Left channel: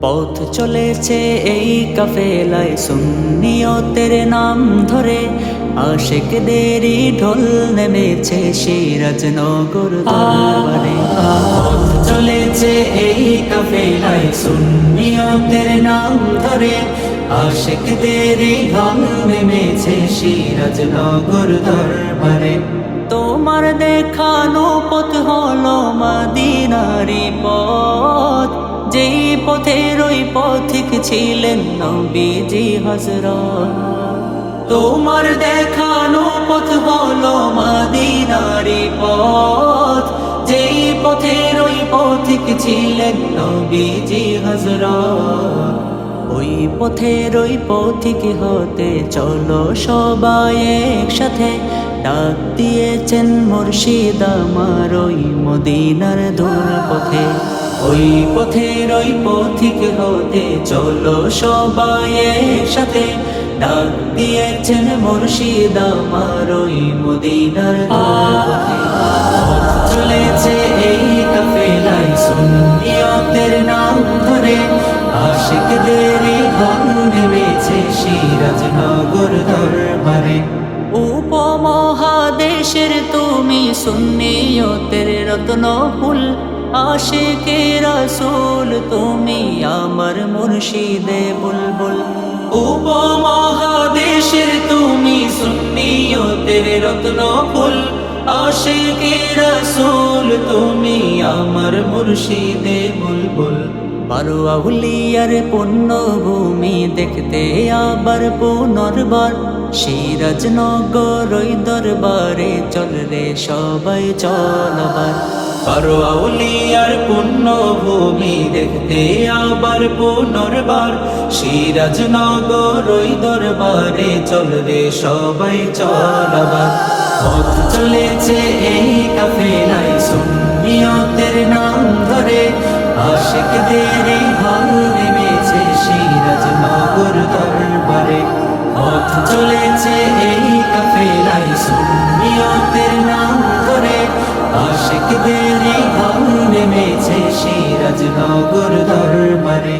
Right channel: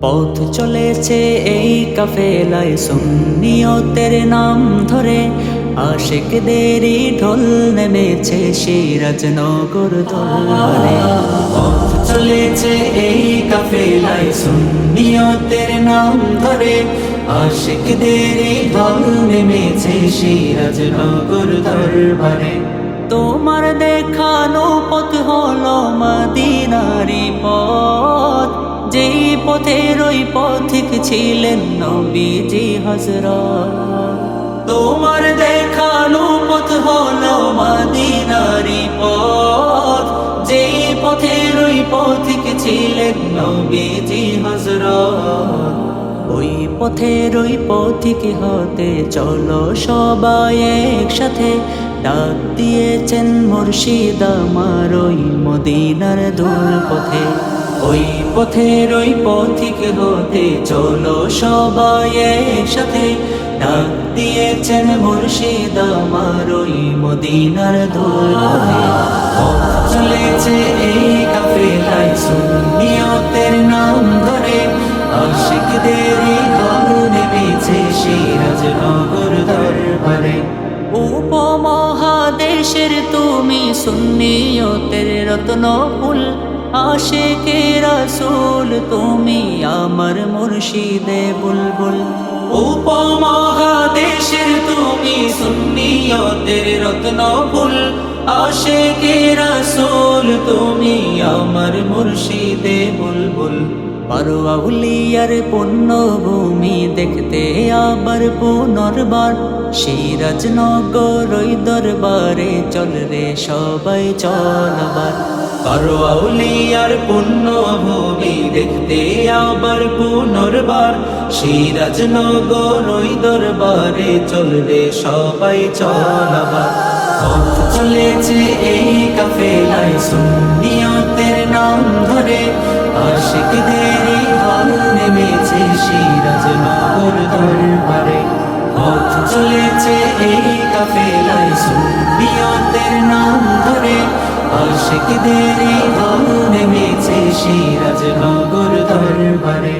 পথ চলেছে এই কাফেলায় সুন্নিয়তের নাম ধরে। আশেকদেরই ঢোল নেমেছে সিরাজনগর দরবারে। পথ চলেছে এই কাফেলায় সুন্নিয়তের নাম ধরে। আশেকদেরই ঢোল নেমেছে সিরাজনগর দরবারে। তোমার দেখানো পথ হলো মদিনারি পথ। যেই পথের ওই পথিক ছিলেন নবীজি হজরত তোমার দেখানো পথ হলো মদিনারি পথ। যেই পথের ওই পথিক ছিলেন নবীজি হজরত ওই পথের ওই পথিক হতে চলো সবাই একসাথে। ডাক দিয়েছেন মুর্শিদ আমার ওই মদিনার দূর পথে ওই পথের ওই পথিক হতে চলো সবাই একসাথে। ডাক দিয়েছেন মুর্শিদ আমার ওই মদিনার চলেছে এই কাফেলায় সুন্নিয়তের নাম ধরে। আশিকদের গল নেমেছে সিরাজনগর দরবারে। উপমহাদেশের তুমি সুন্নিয়তের রত্ন ফুল আশেকে রাসূল তুমি আমার মুর্শিদে বুলবুল। উপমহাদেশের তুমি সুন্নিয়তের রত্ন ফুল আশেকে রাসূল তুমি আমার মুর্শিদে বুলবুল। বারো আউলিয়ার পুণ্য ভূমি দেখতে আবার পুনর্বার। সিরাজনগর দরবারে চল রে সবাই চলবার বারো আউলিয়ার পুণ্য ভূমি দেখতে আবার পুনর্বার সিরাজনগর ওই দরবারে চল রে সবাই চলবার পথ চলেছে এই কাফেলায় সুন্নিয়তের নাম ধরে। আশিকদের হল নেমেছে সিরাজনগর দরবারে। পথ চলেছে এই কাফেলায় সুন্নিয়তের নাম আশিকদের বন্ধ মেছে সিরাজ নগর দরবারে।